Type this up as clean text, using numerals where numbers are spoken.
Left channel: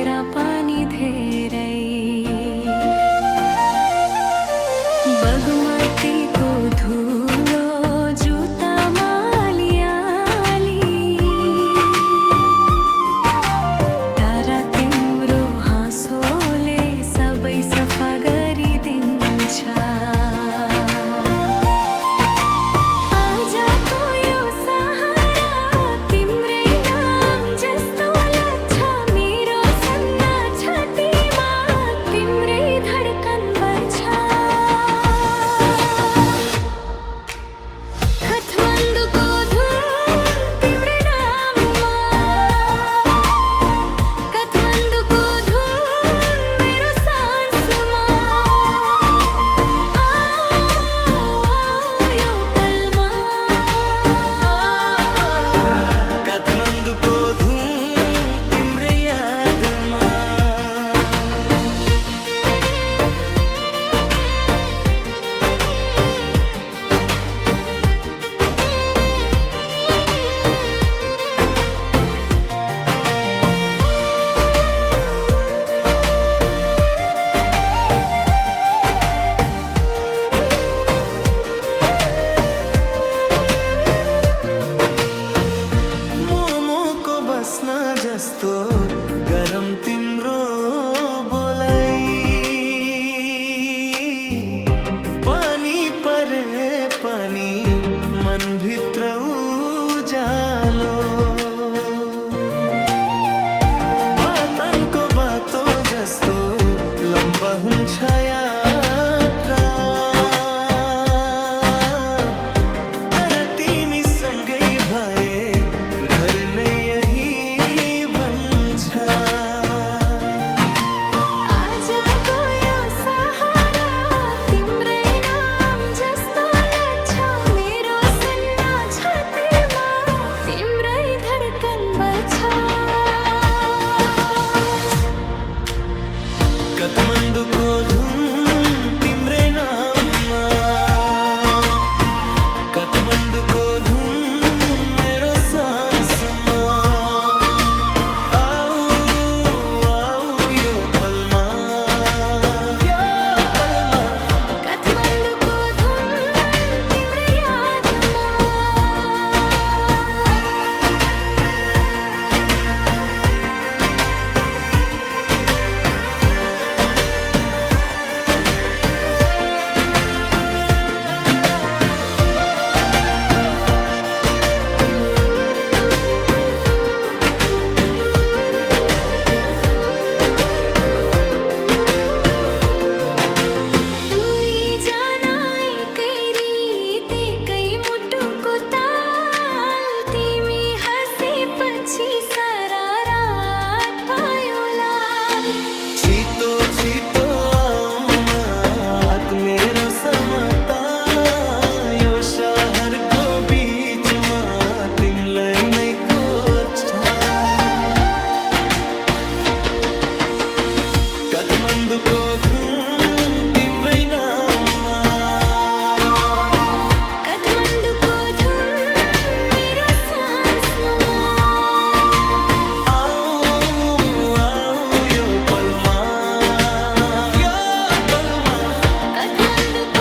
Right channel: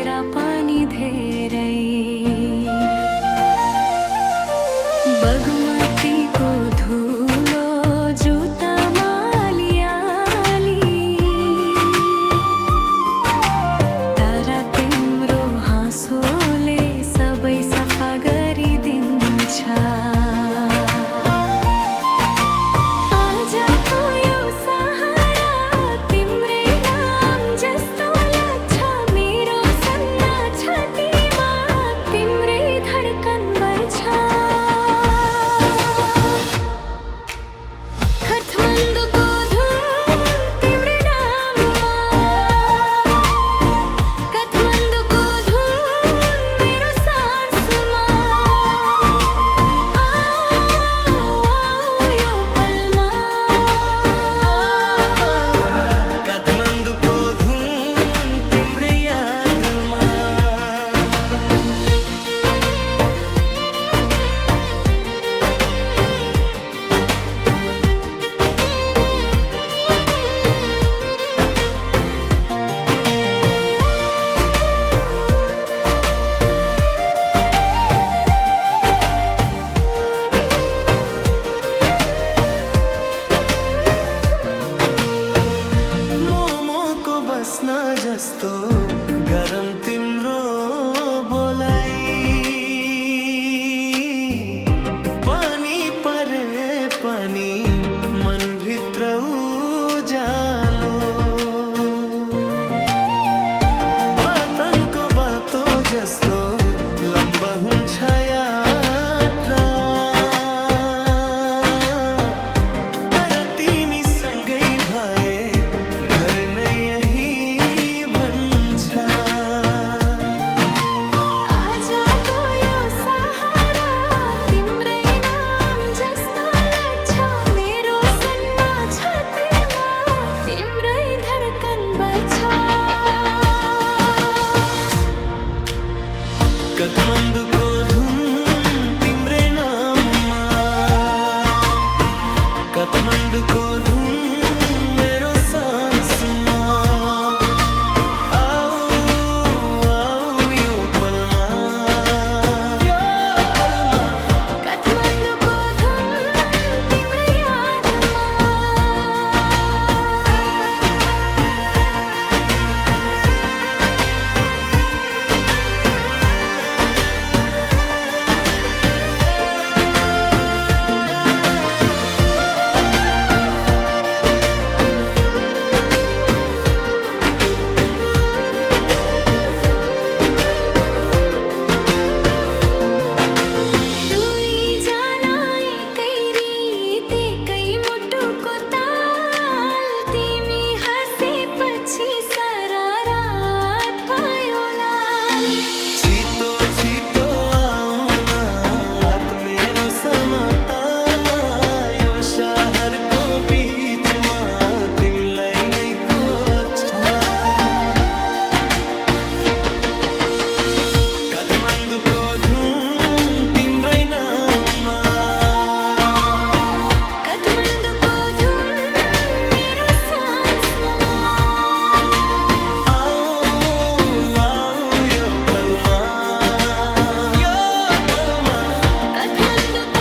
तेरा पानी धेरै बगमती को धुलो जुत्तामा अलिअलि तर तिम्रो हाँसोले सबै सफा गरिदिन्छ। काठमाडौँको धुन तिम्रै नाममा, काठमाडौँको धुन मेरो सासमा, यो पलमा काठमाडौँको धुन तिम्रै यादमा। बस्न जस्तो गरम तिम्रो बोलाइ, पानी परे पनि मनभित्र उज्यालो, पतनको बाटो जस्तो लम्बा हुन्छ यात्रा, तर तिमी सँगै भए घर नै यही भन्छ। आजको यो सहारा तिम्रै नाम जस्तो लाग्छ, मेरो सन्ना छातीमा तिम्रै धड्कन बज्छ। काठमाडौँको धुन तिम्रै नाममा, काठमाडौँको धुन मेरो सासमा। यो पलमा, यो पलमा काठमाडौँको धुन तिम्रै यादमा। छिटो छिटो आउन हात मेरो समाता, यो शहरको बीचमा तिमीलाई नै खोज्छ। काठमाडौँको धुन तिम्रै नाममा, काठमाडौँको धुन मेरो सासमा। यो पलमा, यो पलमा काठमाडौँको